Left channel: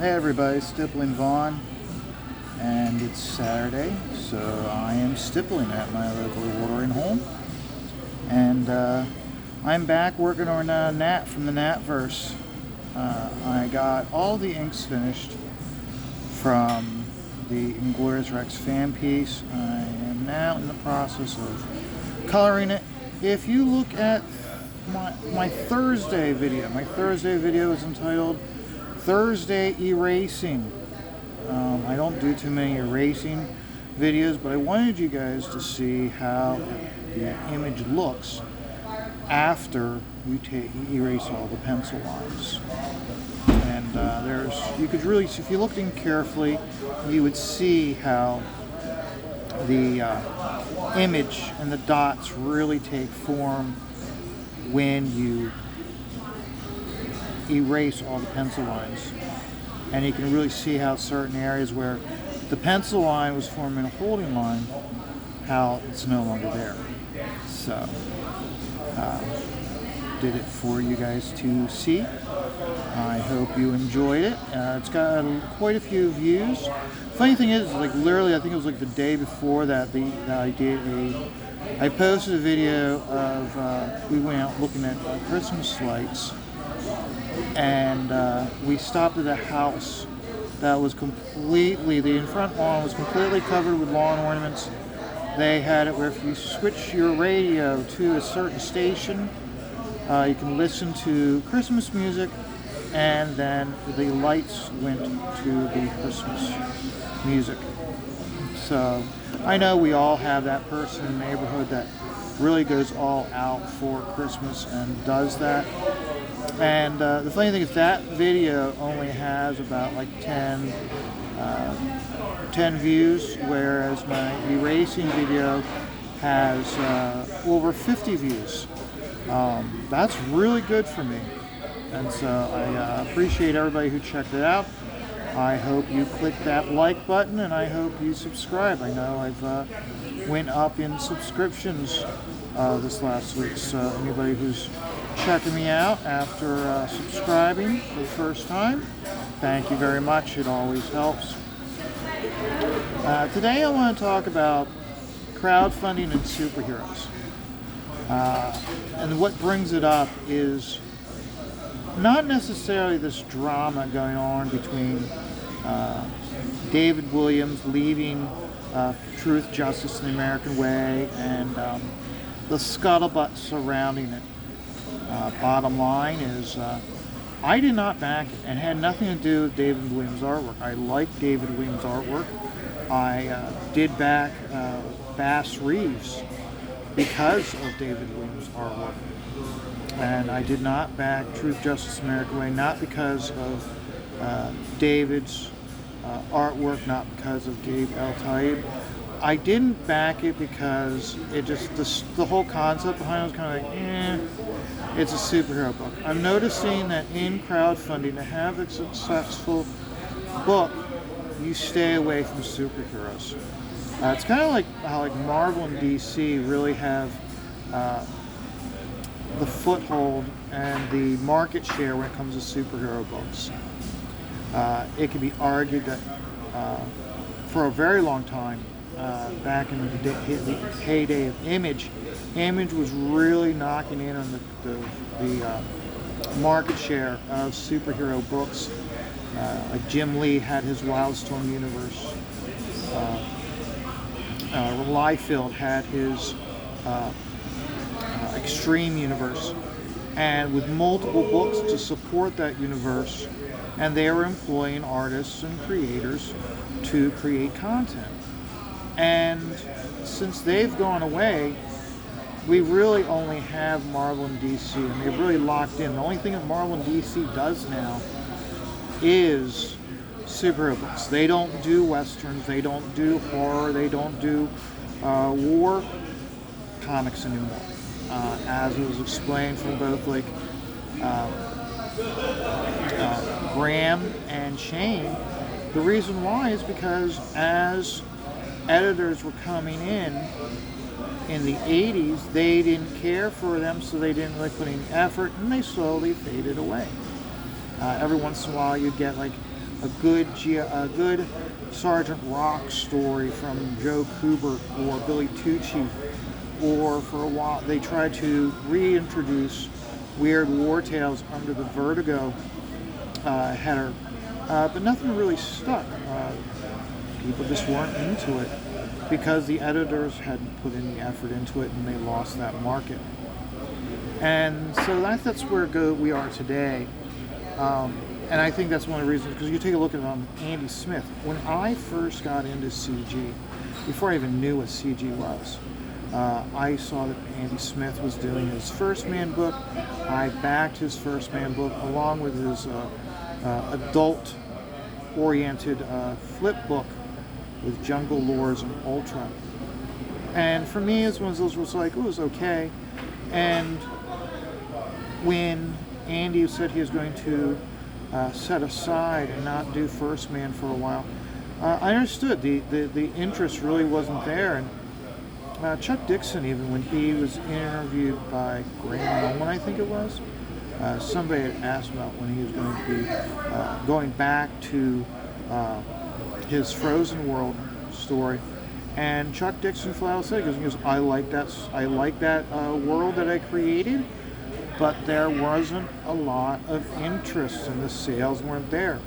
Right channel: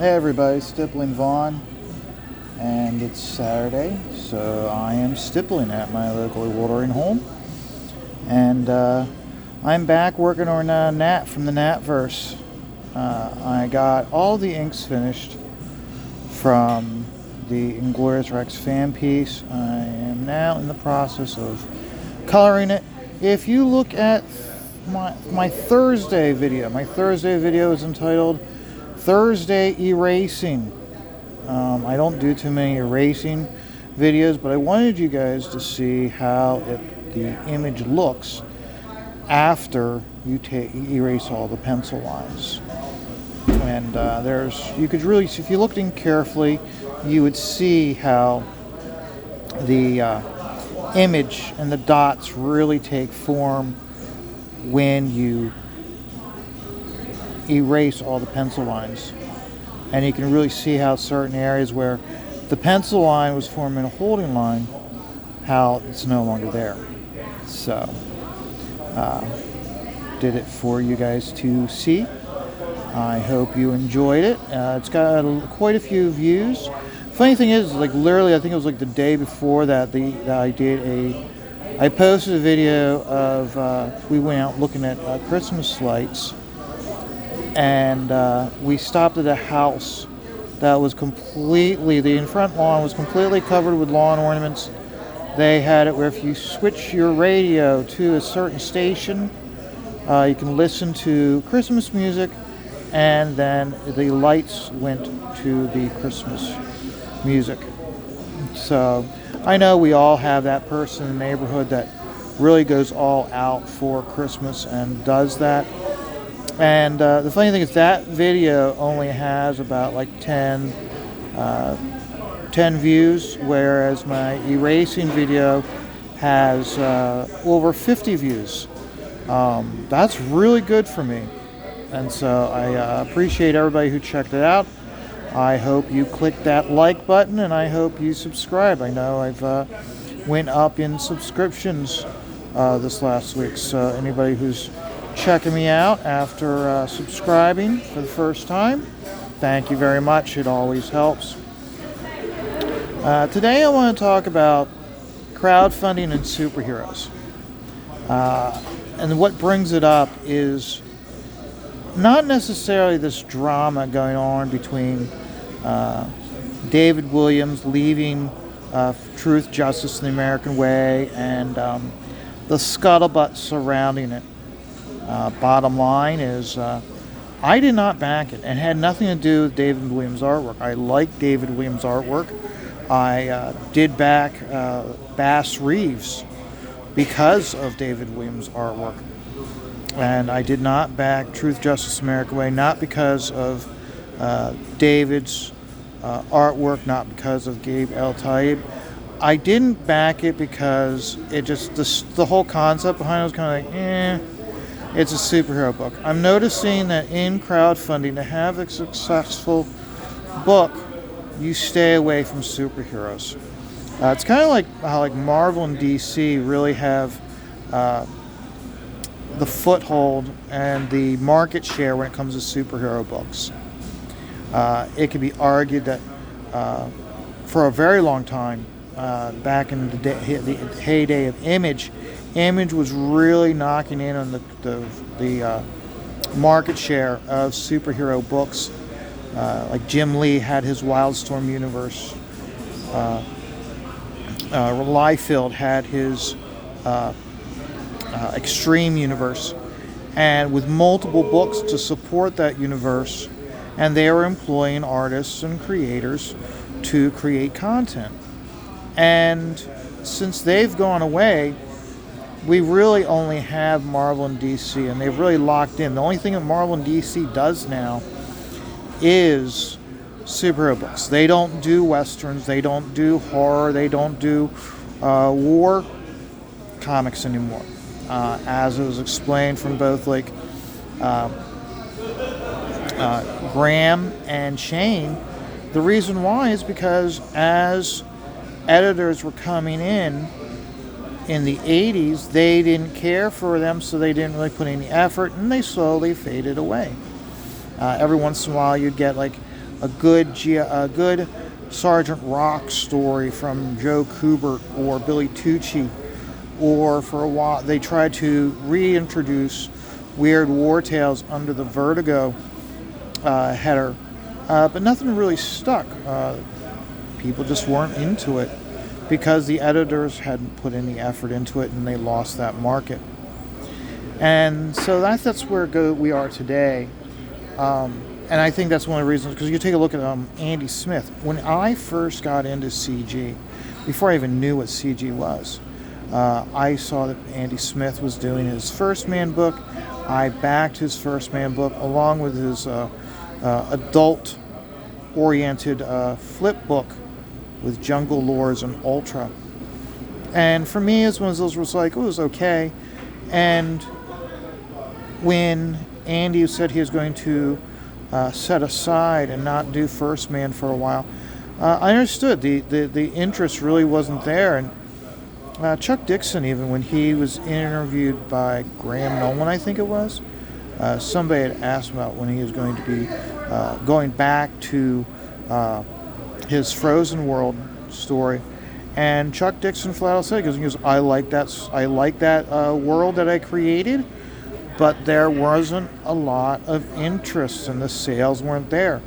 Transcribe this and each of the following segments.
Hey everybody, Stippling Vaughn, and it's Saturday, so I am stippling at my local watering hole, and I'm back working on Nat from the Natverse. I got all the inks finished from the Inglorious Rex fan piece. I am now in the process of coloring it. If you look at my Thursday video is entitled Thursday Erasing. I don't do too many erasing videos, but I wanted you guys to see how the image looks after you erase all the pencil lines. And you could really, if you looked in carefully, you would see how the image and the dots really take form when you erase all the pencil lines. And you can really see how certain areas where the pencil line was forming a holding line, how it's no longer there. So, did it for you guys to see. I hope you enjoyed it. It's got quite a few views. Funny thing is, like literally, I think it was like the day before that I posted a video of we went out looking at Christmas lights. And we stopped at a house that was the in front lawn was completely covered with lawn ornaments. They had it where if you switch your radio to a certain station, you can listen to Christmas music, and then the lights went to the Christmas music. So I know we all have that person in the neighborhood that really goes all out for Christmas and does that. And the funny thing is that video only has about like 10 views, whereas my erasing video has over 50 views. That's really good for me. And so I appreciate everybody who checked it out. I hope you click that like button, and I hope you subscribe. I know I've went up in subscriptions this last week, so anybody who's checking me out after subscribing for the first time, thank you very much. It always helps. Today I want to talk about crowdfunding and superheroes. And what brings it up is not necessarily this drama going on between David Williams leaving Truth, Justice, and the American Way, and the scuttlebutt surrounding it. Bottom line is, I did not back it, and it had nothing to do with David Williams' artwork. I like David Williams' artwork. I did back Bass Reeves because of David Williams' artwork. And I did not back Truth, Justice, American Way, not because of David's artwork, not because of Gabe El-Taib. I didn't back it because it just, the whole concept behind it was kind of like, it's a superhero book. I'm noticing that in crowdfunding, to have a successful book, you stay away from superheroes. It's kind of like how Marvel and DC really have the foothold and the market share when it comes to superhero books. It can be argued that for a very long time, back in the heyday of Image was really knocking in on the market share of superhero books. Like Jim Lee had his Wildstorm universe. Liefeld had his Extreme universe, and with multiple books to support that universe, and they are employing artists and creators to create content. And since they've gone away, we really only have Marvel and DC, and they've really locked in. The only thing that Marvel and DC does now is superhero books. They don't do westerns, they don't do horror, they don't do war comics anymore. As it was explained from both Graham and Shane, the reason why is because as editors were coming in the 80s, they didn't care for them, so they didn't really put any effort, and they slowly faded away. Every once in a while you'd get a good Sergeant Rock story from Joe Kubert or Billy Tucci, or for a while they tried to reintroduce Weird War Tales under the Vertigo header, but nothing really stuck. People just weren't into it because the editors hadn't put any effort into it and they lost that market. And so that's where we are today. And I think that's one of the reasons, because you take a look at Andy Smith. When I first got into CG, before I even knew what CG was, I saw that Andy Smith was doing his First Man book. I backed his First Man book along with his adult-oriented flip book with Jungle Lores and Ultra. And for me, it's one of those was like, it was okay. And when Andy said he was going to set aside and not do First Man for a while, I understood the interest really wasn't there. And Chuck Dixon, even when he was interviewed by Graham Nolan, I think it was, somebody had asked about when he was going to be going back to his Frozen World story, and Chuck Dixon flat out said, because I like that world that I created, but there wasn't a lot of interest and the sales weren't there.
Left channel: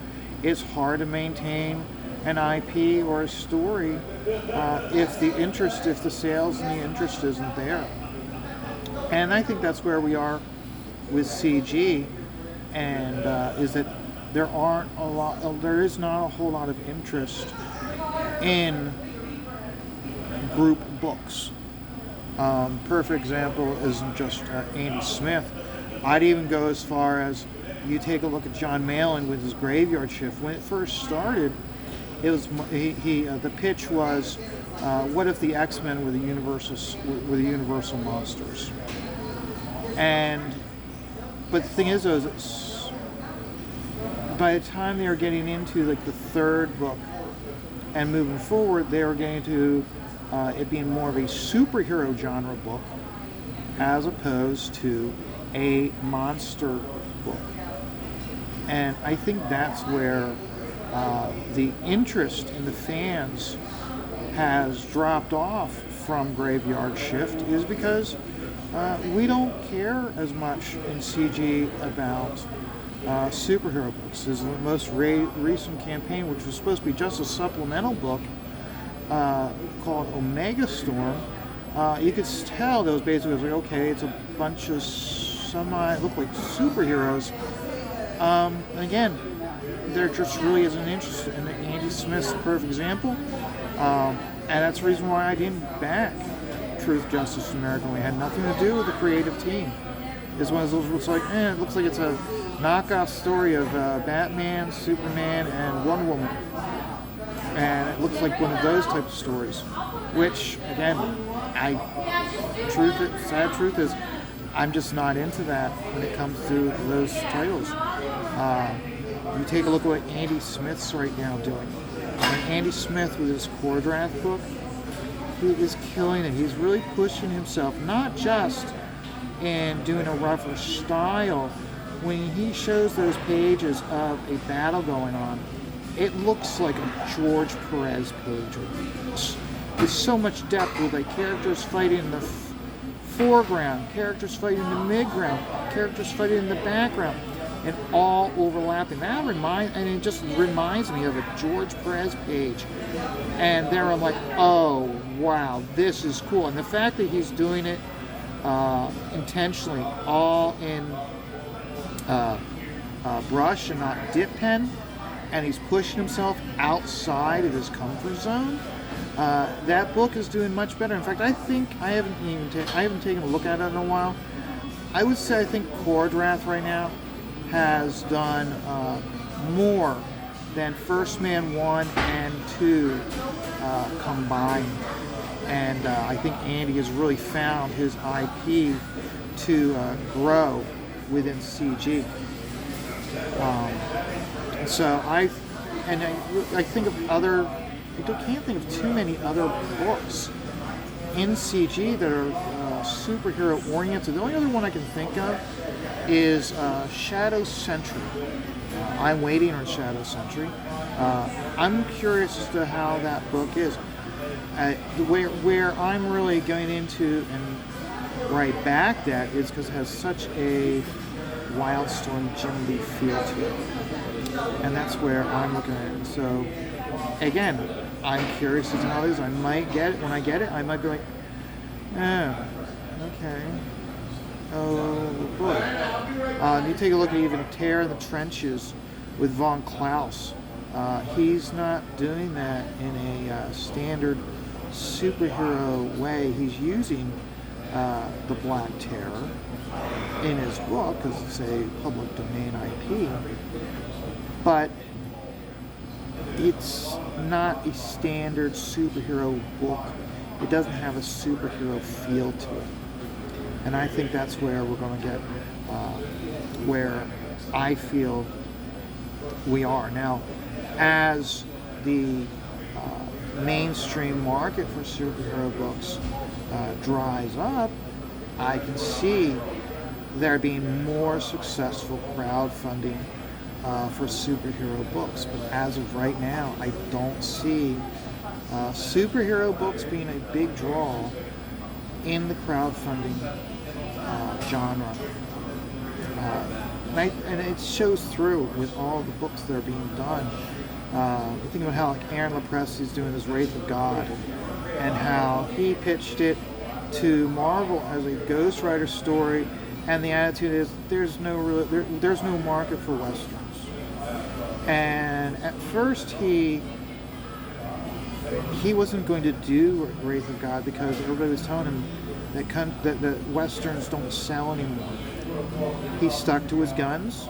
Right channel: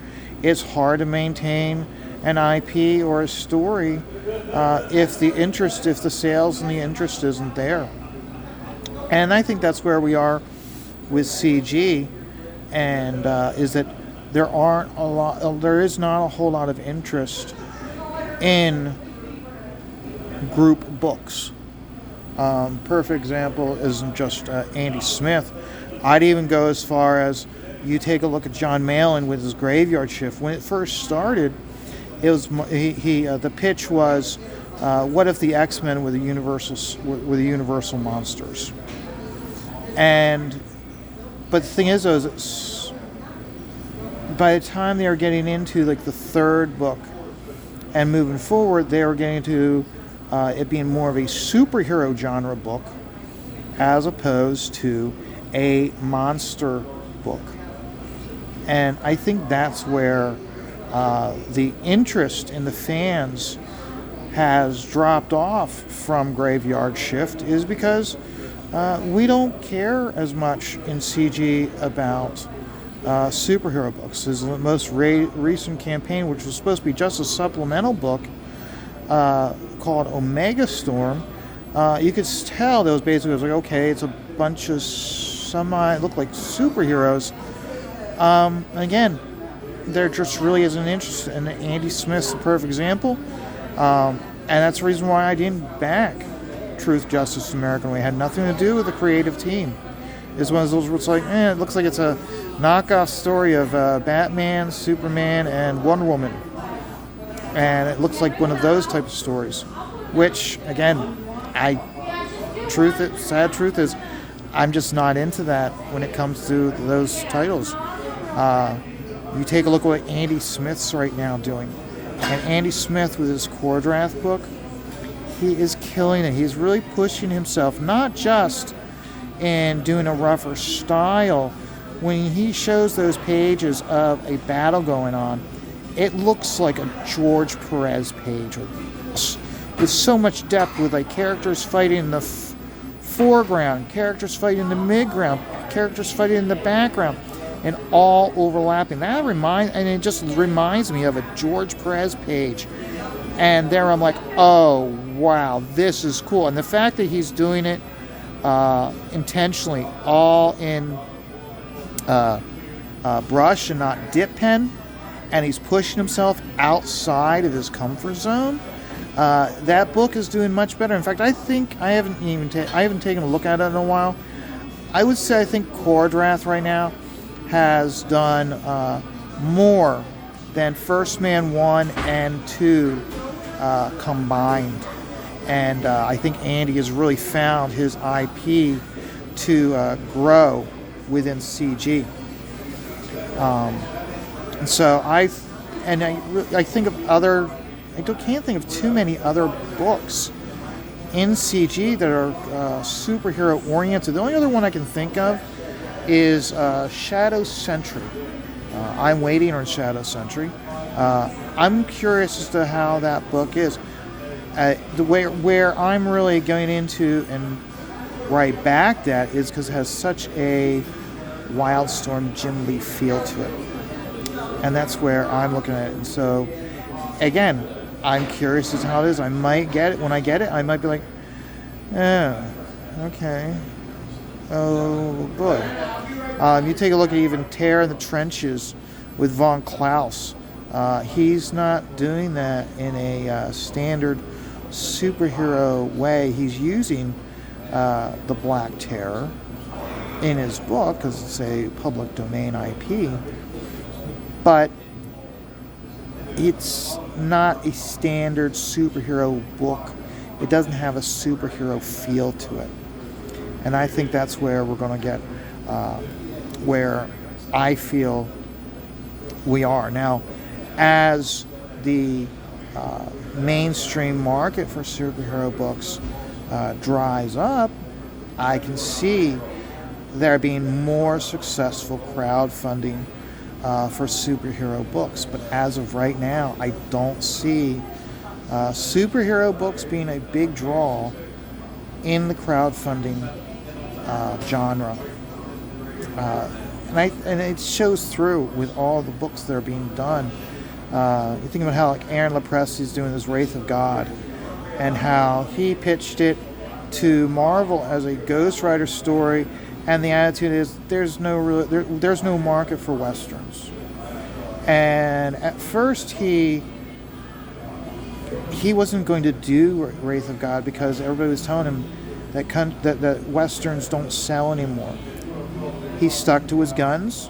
It's hard to maintain an IP or a story if the sales and the interest isn't there. And I think that's where we are with CG, and is that there is not a whole lot of interest in group books. Perfect example isn't just Andy Smith. I'd even go as far as you take a look at John Malin with his Graveyard Shift. When it first started, it was the pitch was, what if the X-Men were the Universal monsters? But the thing is, by the time they were getting into like the third book and moving forward, they were getting to it being more of a superhero genre book as opposed to a monster book. And I think that's where the interest in the fans has dropped off from Graveyard Shift, is because we don't care as much in CG about superhero books. This is the most recent campaign, which was supposed to be just a supplemental book called Omega Storm. You could tell that was basically, like, okay, it's a bunch of look like superheroes. Again, there just really isn't interest, and Andy Smith's the perfect example. And that's the reason why I didn't back Truth, Justice, American Way. It had nothing to do with the creative team. It's one of those where it's like, it looks like it's a knockoff story of Batman, Superman, and Wonder Woman. And it looks like one of those types of stories. Which, again, sad truth is, I'm just not into that when it comes to those titles. You take a look at what Andy Smith's right now doing. And Andy Smith with his Cordrath book, he is killing it. He's really pushing himself, not just in doing a rougher style. When he shows those pages of a battle going on, it looks like a George Perez page with so much depth, with like characters fighting in the foreground, characters fighting in the midground, characters fighting in the background, and all overlapping. It just reminds me of a George Perez page. And there I'm like, oh wow, this is cool. And the fact that he's doing it intentionally, all in brush and not dip pen, and he's pushing himself outside of his comfort zone. That book is doing much better. In fact, I think I haven't taken a look at it in a while. I would say I think Cordrath right now has done more than First Man 1 and 2 combined. And I think Andy has really found his IP to grow within CG. And so I think of other, I can't think of too many other books in CG that are superhero oriented. The only other one I can think of is Shadow Sentry I'm Waiting on Shadow Century. I'm curious as to how that book is. Where I'm really going into and where I backed at is because it has such a Wildstorm Jim Lee feel to it. And that's where I'm looking at it. And so, again, I'm curious as to how it is. I might get it. When I get it, I might be like, oh, okay. Oh, boy. You take a look at even Terror in the Trenches with Von Klaus. He's not doing that in a standard superhero way. He's using the Black Terror in his book because it's a public domain IP, but it's not a standard superhero book. It doesn't have a superhero feel to it, and I think that's where we're going to get where I feel we are now. As the mainstream market for superhero books dries up, I can see there being more successful crowdfunding for superhero books. But as of right now, I don't see superhero books being a big draw in the crowdfunding genre. And it shows through with all the books that are being done. You think about how like Aaron Lepresti is doing his Wraith of God, and how he pitched it to Marvel as a Ghost Rider story, and the attitude is there's no market for westerns. And at first he wasn't going to do Wraith of God because everybody was telling him that westerns don't sell anymore. He stuck to his guns.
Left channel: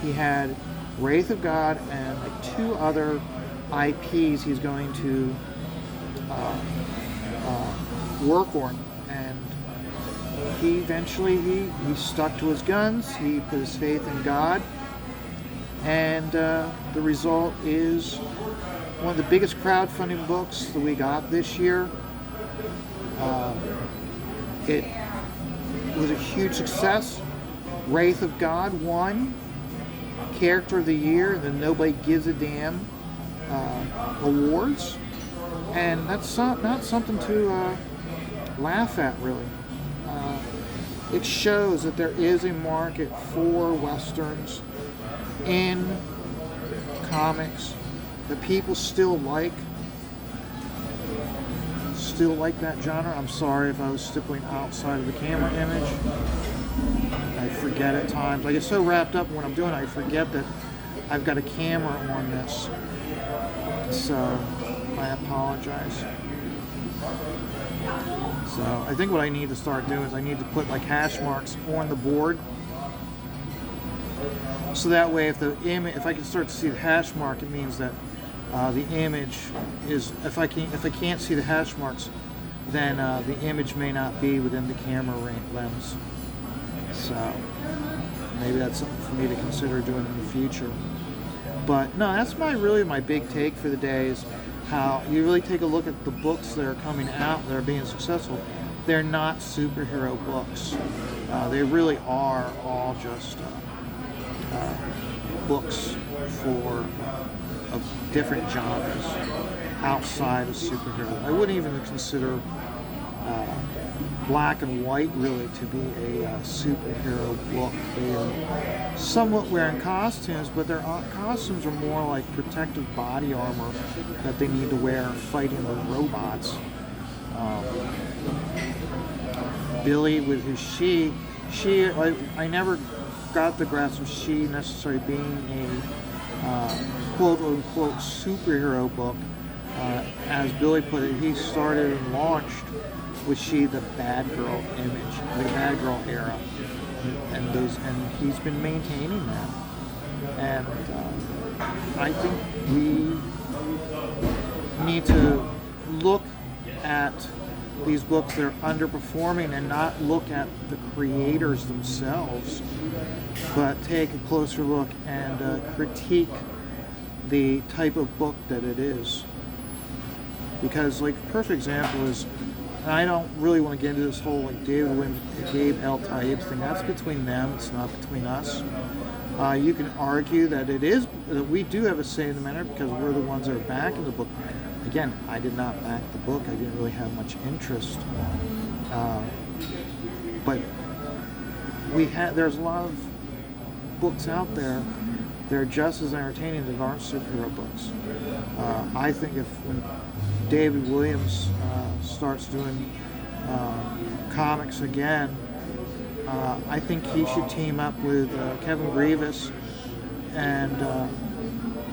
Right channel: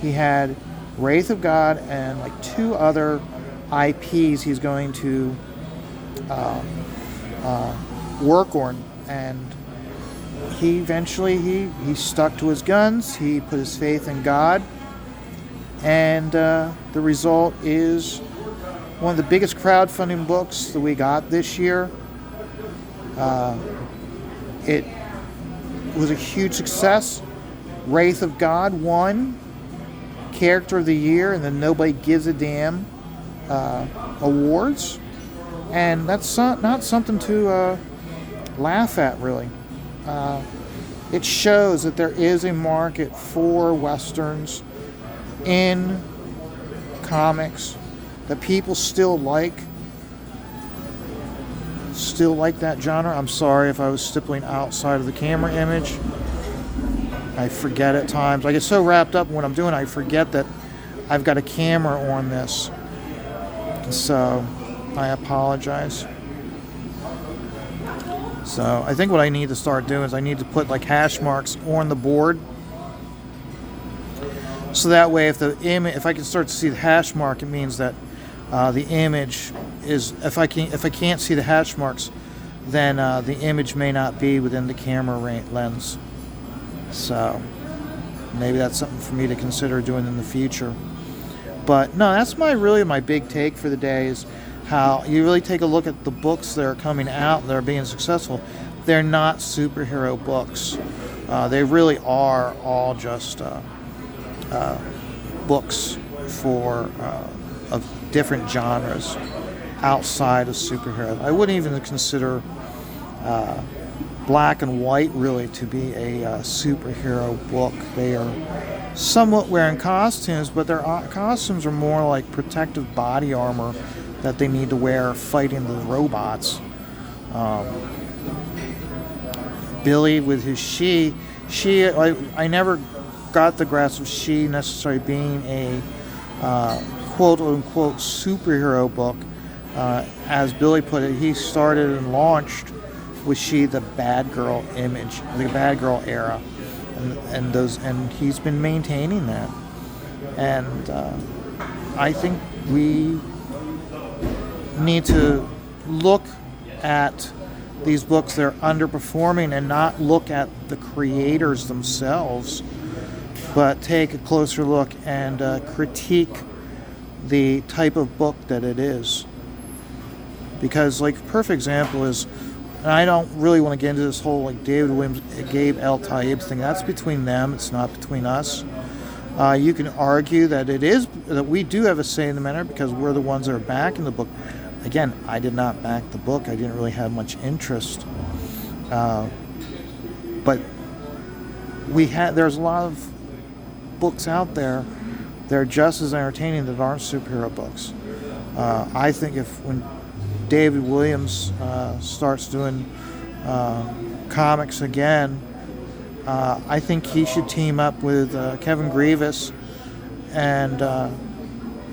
He had Wraith of God and like 2 other IPs he's going to work on, and he eventually he stuck to his guns. He put his faith in God, and the result is one of the biggest crowdfunding books that we got this year. It was a huge success. Wraith of God won Character of the Year and the Nobody Gives a Damn awards, and that's not something to laugh at, really. It shows that there is a market for westerns in comics, that people still like that genre. I'm sorry if I was stippling outside of the camera image. I forget at times. I get so wrapped up in what I'm doing, I forget that I've got a camera on this. So I apologize. So I think what I need to start doing is I need to put like hash marks on the board, so that way if I can start to see the hash mark, it means that the image is, if I can't see the hash marks, then the image may not be within the camera lens. So maybe that's something for me to consider doing in the future. But no, that's really my big take for the day, is how you really take a look at the books that are coming out that are being successful. They're not superhero books. They really are all just books of different genres outside of superhero. I wouldn't even consider Black and White really to be a superhero book. They are somewhat wearing costumes, but their costumes are more like protective body armor that they need to wear fighting the robots. Billy with his she I never got the grasp of she necessarily being a quote-unquote superhero book. As Billy put it, he started and launched with she the bad girl image, the bad girl era, and he's been maintaining that. And I think we need to look at these books that are underperforming and not look at the creators themselves, but take a closer look and critique the type of book that it is. Because, like, a perfect example is, and I don't really want to get into this whole like David Williams, Gabe L. Taib thing. That's between them. It's not between us. You can argue that we do have a say in the matter because we're the ones that are backing the book. Again, I did not back the book. I didn't really have much interest. But there's a lot of books out there that are just as entertaining that aren't superhero books. I think when David Williams starts doing comics again, I think he should team up with Kevin Grievous, and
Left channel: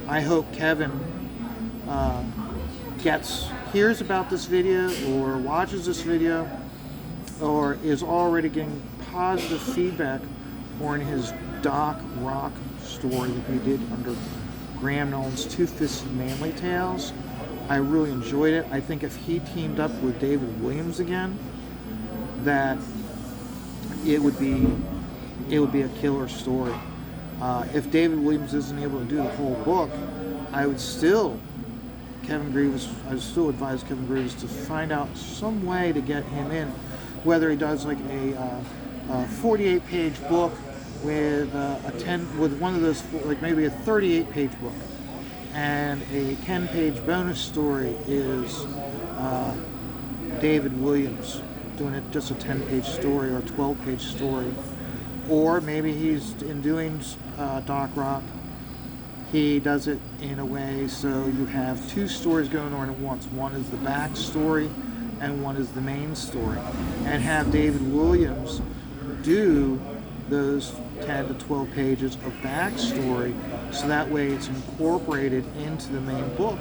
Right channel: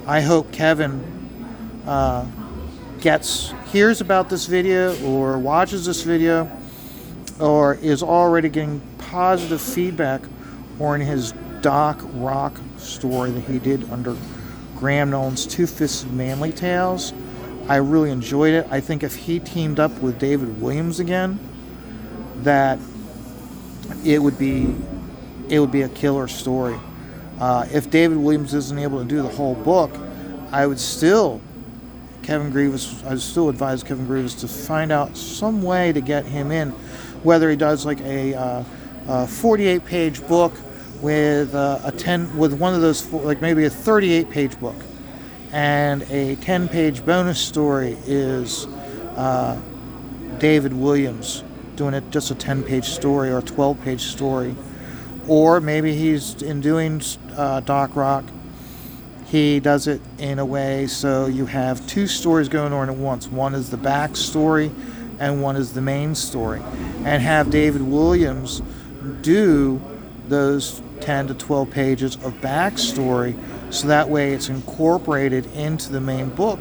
I hope Kevin hears about this video or watches this video or is already getting positive feedback on his Doc Rock story that he did under Graham Nolan's Two-Fisted Manly Tales. I really enjoyed it. I think if he teamed up with David Williams again, that it would be a killer story. If David Williams isn't able to do the whole book, I would still advise Kevin Grievous to find out some way to get him in, whether he does like a 48-page book with one of those, like maybe a 38-page book, and a 10-page bonus story is David Williams doing it just a 10-page story or a 12-page story. Or maybe he's in doing Doc Rock, he does it in a way so you have two stories going on at once. One is the back story and one is the main story, and have David Williams do those 10 to 12 pages of backstory so that way it's incorporated into the main book.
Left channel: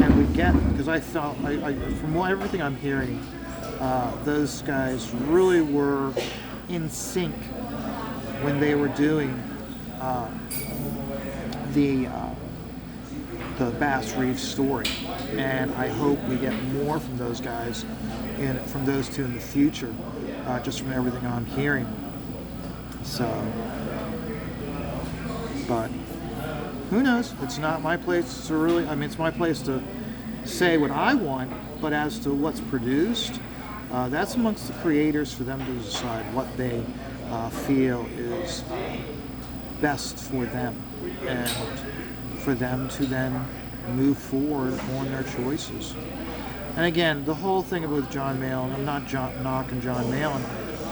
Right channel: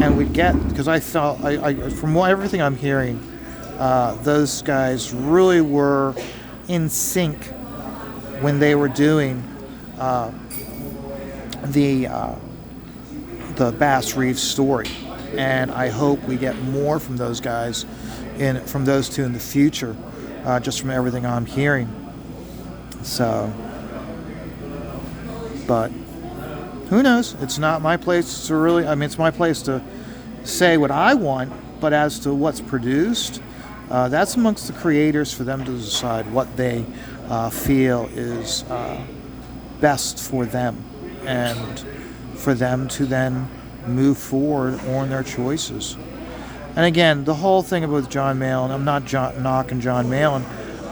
And because I felt, from everything I'm hearing, those guys really were in sync when they were doing the Bass Reeves story, and I hope we get more from those guys, from those two in the future, just from everything I'm hearing. So, but who knows? It's not my place to really. It's my place to say what I want, but as to what's produced, that's amongst the creators for them to decide what they feel is best for them, and for them to then move forward on their choices. And again, the whole thing with John Malin, I'm not knocking John Malin.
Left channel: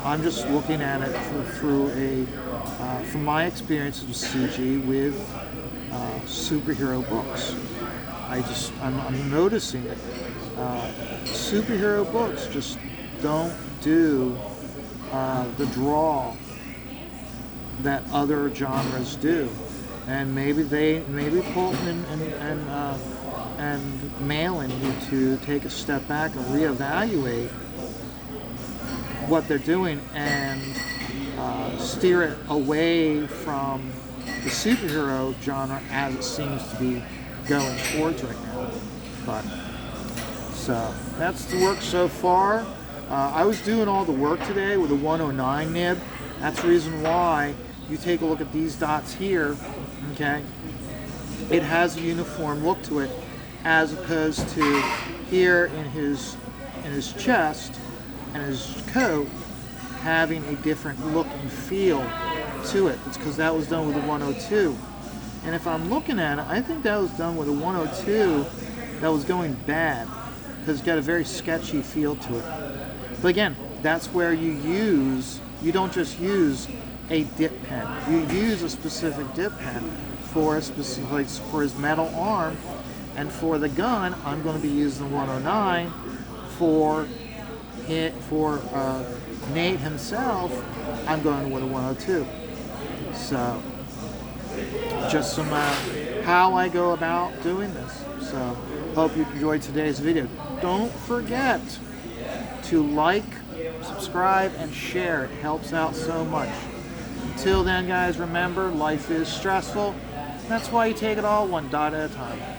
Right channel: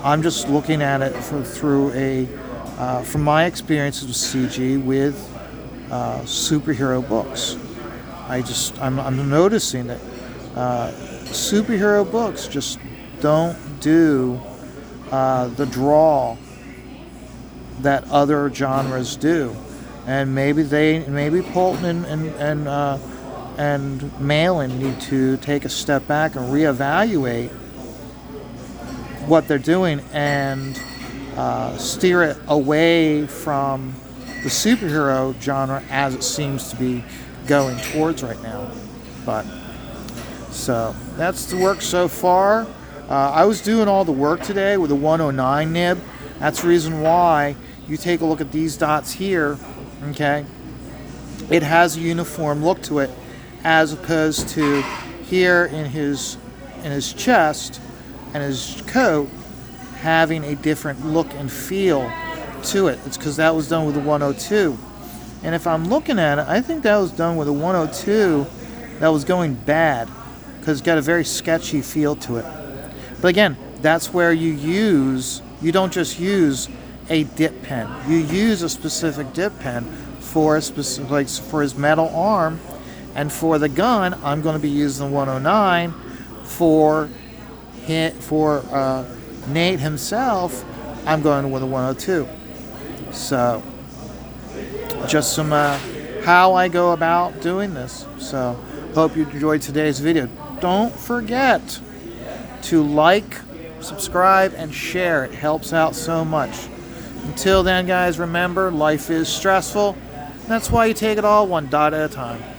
I'm just looking at it from my experiences with CG with superhero books. I'm noticing that superhero books just don't do the draw that other genres do, and maybe Polton and Malin need to take a step back and reevaluate what they're doing and steer it away from the superhero genre as it seems to be going towards right now. But so that's the work so far. I was doing all the work today with a 109 nib. That's the reason why you take a look at these dots here. Okay, it has a uniform look to it, as opposed to here in his chest and his coat having a different look and feel to it. It's because that was done with a 102. And if I'm looking at it, I think that was done with a 102 that was going bad, because it's got a very sketchy feel to it. But again, that's where you don't just use a dip pen. You use a specific dip pen for for his metal arm, and for the gun, I'm going to be using the 109. For Nate himself, I'm going with a 102. So, just some how I go about doing this. So, hope you enjoyed today's video. Don't forget to like, subscribe, and share. It helps out so much. Until then, guys, remember, life is stressful. That's why you take it all one dot at a time.